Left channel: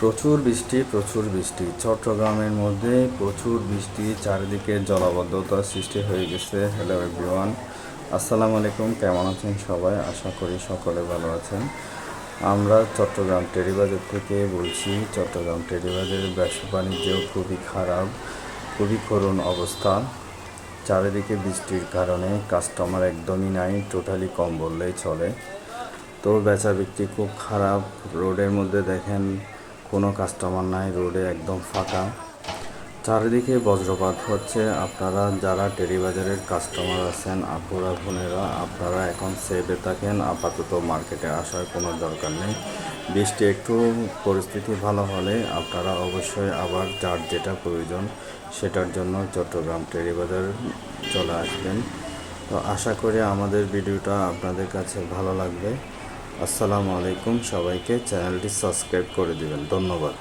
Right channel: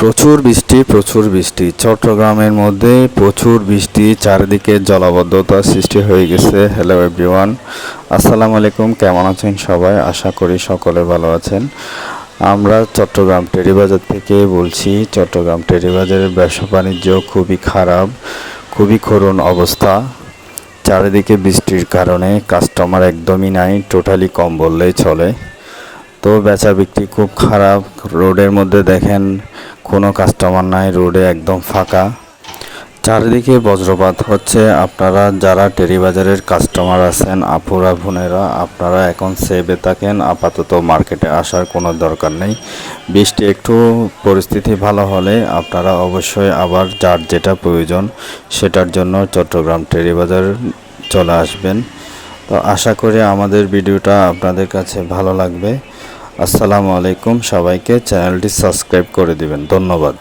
প্রচুর বৃষ্টি চট্টগ্রামের মধ্যে প্রচুর বৃষ্টি, চারিদিকে জলাবদ্ধতার সৃষ্টি হয়ে গেছে। হ্যালো এভরিওয়ান, আসসালামু আলাইকুম। কেমন আছেন সবাই? আশা করি সকলে ভালো আছেন। আমরা চট্টগ্রাম টেরিবাজার থেকে বলছি। চট্টগ্রাম টেরিবাজারের ব্যবসা বাণিজ্য খুবই খারাপ, খুবই করুণ অবস্থা। চারিদিকে বৃষ্টির কারণে কাস্টমার একদমই নাই, টোটালি কম বললেই চলে। তো বেচা বিক্রি খুব খারাপ। রোডের মধ্যে দেখেন কোনো কাস্টমার নাই, রোডে একদম ফাঁকা। চারিদিকে বজ্রপাত হচ্ছে। আপনারা যারা টেরিবাজারের কাস্টমার আছেন, আপুরা বোনেরা, আপনারা এখন সেভে থাকেন। আপাতত মার্কেটে আসার কোনো দরকার নেই। বৃষ্টি একটু পরিস্থিতি ভালো হলে আপনারা অবশ্যই আবার যার যেটা প্রয়োজন সেটার জন্য চট্টগ্রাম টেরিবাজার চলে আসবেন। তো আশা করি আমাদের ভিডিওটা আপনাদের কাছে ভালো লাগবে। আসসালামু আলাইকুম। সবাইকে চ্যানেলটি সাবস্ক্রাইব করে দিবেন। ধন্যবাদ।